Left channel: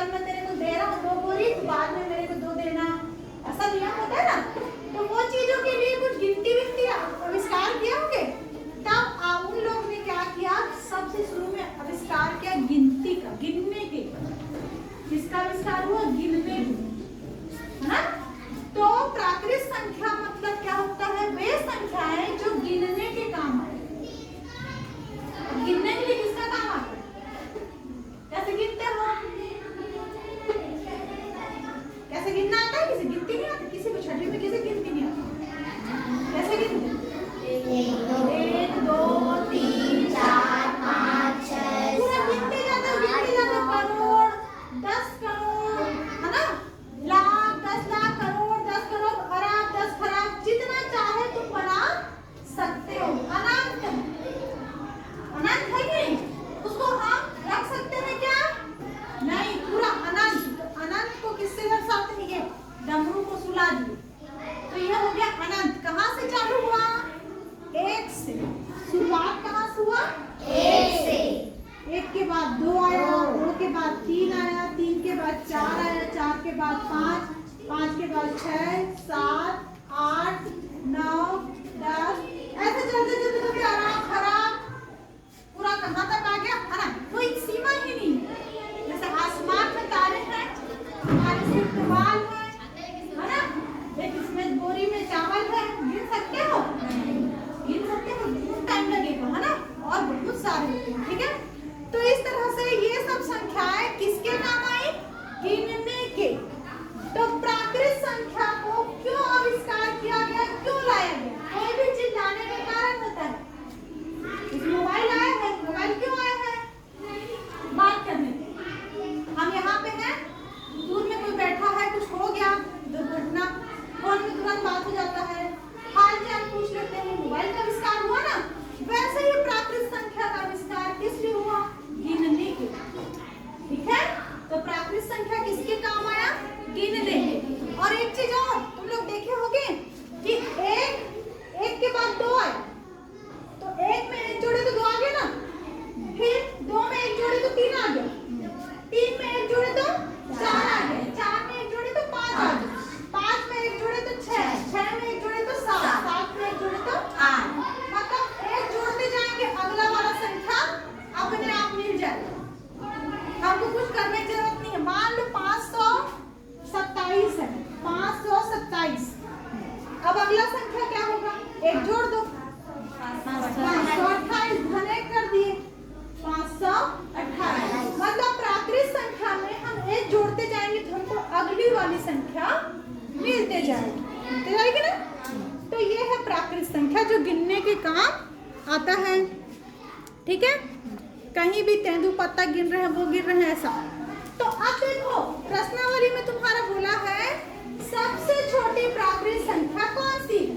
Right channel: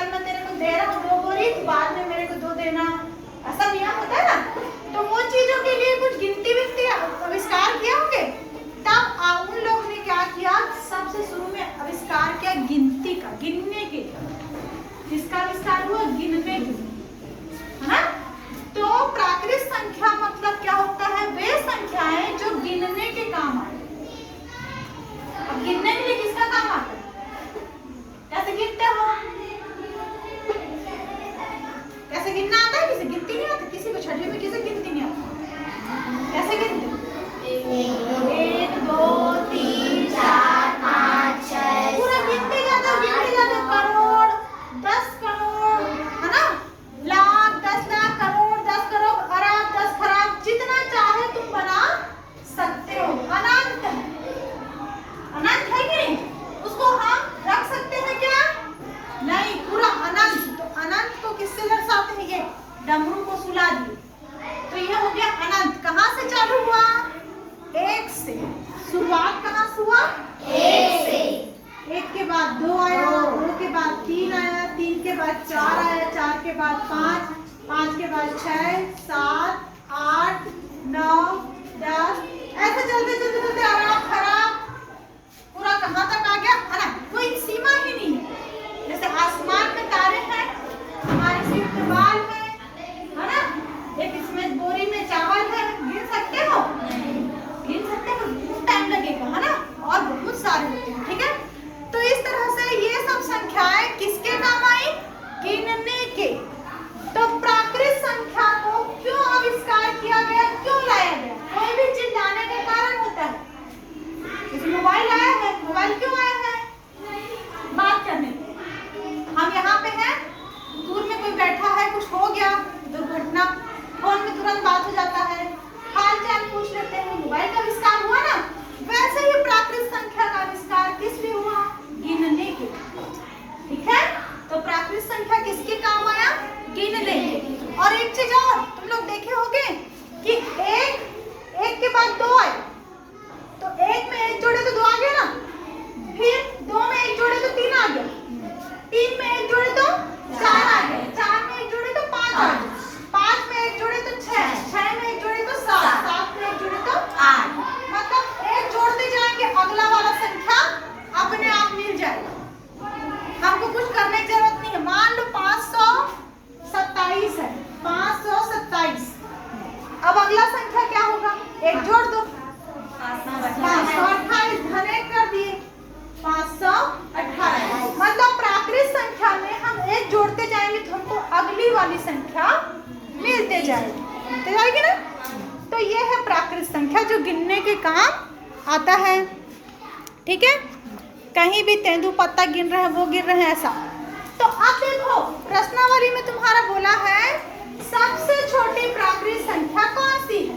चल मैं तेरे को दे रहा हूँ 2 बोरी, बाद में मेरे को 2 देना, ऐसा नियम होता है ना। तो वो चीजों के लिए कुछ गिनती विनती आविष्कार किया होंगे। तब उन लोगों ने क्या किया, सबसे शुरू में आविष्कार किया गिनती का, गिनने के। किसका आविष्कार हुआ, गिनने के, है ना। तो प्राकृत संख्या मतलब क्या होता है, वे संख्याएं जो गिनने के काम आए। अब गिनने के लिए किसका काम आता है, कैसे गिनते हो, कैसे गिनना आता है, किसी गिनती नहीं आती, किसी को छठवीं में किसी गिनती नहीं आती, कैसे गिनते, 1 2 3 4 5 6 पूरा गिनते जाते, करोड़ 10 करोड़, है ना, लाख 10 लाख, करोड़ 10 करोड़, अरब 10 खरब, जितना चाहे तुम बना सकते हो। अनंत है, अनंत है कि नहीं, उसको हम रख सकते हैं क्या, नहीं, पूरा अनंत। तो अनंत को किससे दर्शाते हैं, ये डमरू को सुला दिए, तो यह हो गया अनंत। कहाँ से चालू हुआ, 1 से, शुरुआत कहाँ से हुआ, 1 से, 1 के बाद 2 आया, 2 के बाद 3 आया, 3 के बाद 4 आया, 4 के बाद 5, 5 के बाद 6 7 8 9 10, ऐसे चलते चलते चलते अरब खरब पूरा कहाँ तक आ गया, है ना, कोई सीमा ही नहीं है। जैसे आसमान में तारे हैं, हमारे सिर पे बाल है ना, एक इसमें बोरी में चावल है, गिन सकते हो, गिन सकते हो, बहुत टाइम लगेगा, है ना, और बहुत सारे होते हैं, ठीक है। तो इस तरह से ये सब संख्याएं किसके काम आई, गिनने के। तो प्राकृत संख्या को क्यों आविष्कार किया गया, क्यों लाया गया, कोई भी चीज लाने का कारण होता है। मोबाइल आया है, मोबाइल क्यों आया है, बात करने के। हम यहाँ पे हैं, दूर में कोई बैठा है, कुछ हो गया दुर्घटना, फोन में तुरंत बात हो जाता है, हाल चाल पूछ लेते हैं, मोबाइल का आविष्कार हुआ ना। वैसे ही प्राकृत संख्या का आविष्कार किस लिए हुआ, गिनने के, ठीक है। तो प्राकृत संख्या किसके काम आया, गिनने के। और एक चीज और तुम लोग देखे होंगे कि एक के बाद 2 आए, तो 1 में 1 जोड़े तो 2 आ गया ना, फिर 2 में 1 जोड़े तो 3 आ गया, 3 में 1 जोड़े तो 4 आ गए, 4 में 1 जोड़े तो 5 आ गए, 5 में 1 जोड़े तो 6, 6 में 1 जोड़े तो 7, 7 में 1 जोड़े तो 8। मतलब 1 जोड़ते जाएंगे, अगला वाला संख्या अपने आप मिल जाएगा, हमको कुछ करने की जरूरत नहीं है। मान लो 527 है, 527, अब अगला संख्या क्या होगा, 1 जोड़ दो, 528, घने कर दिए 528। मतलब प्राकृत संख्या में हम 1 जोड़ते जाएंगे तो हमको अगली वाली संख्या मिलते जाएगी ना। तो ये है प्राकृत संख्या जो गिनने के काम आता है, ठीक है। कहीं भी तेंदुपत्ता गिन रहे हैं, वो गिन रहे हैं, ऐसा। तो अब देखो प्रश्नावली में तुम्हारा बोला है सबसे छोटी प्राकृत संख्या कौन सी है,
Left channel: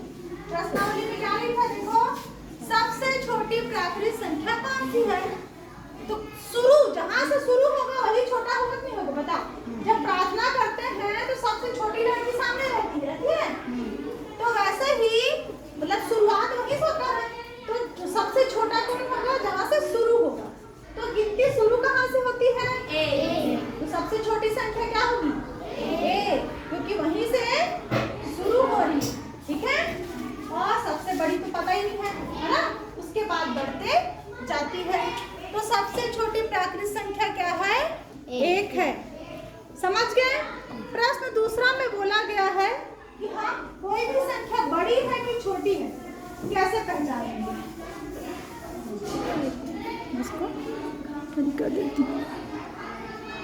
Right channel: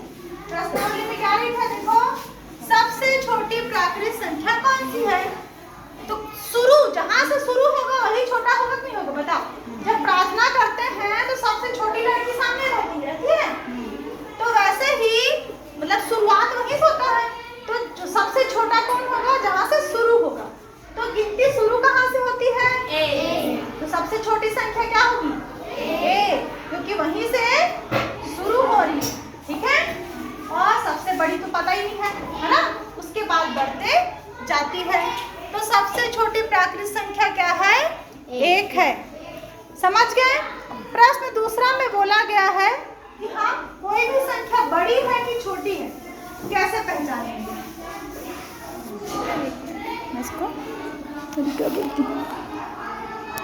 प्रश्नावली में क्या लिखा, देखो सबसे छोटी प्राकृत संख्या कौन सी है। तो शुरू जहां से शुरू होगा वही छोटा होगा कि नहीं होगा, बताओ। जब प्रार्थना करते हैं तो सबसे छोटी लड़की सामने रहती है, तो वैसे ही मतलब शुरुआत वहीं से होता है, तो जो सबसे छोटा कौन होगा, जहां से शुरू होगा। तो गिनती शुरू कहाँ से होती है, ए। तो सबसे छोटी संख्या क्या होगी, ए, क्योंकि वहीं से शुरू हो रही है, ठीक है। और सबसे बड़ी तो पता ही नहीं है ना, उसके बाद बढ़ते जाती है। तो सबसे छोटी प्राकृत संख्या क्या है, 1 है, समझ गए। प्रश्न दूसरा में बोला गया है कि हाँ कोई भी संख्या बड़ी है कि छोटी है, कैसे पहचानेंगे, इसको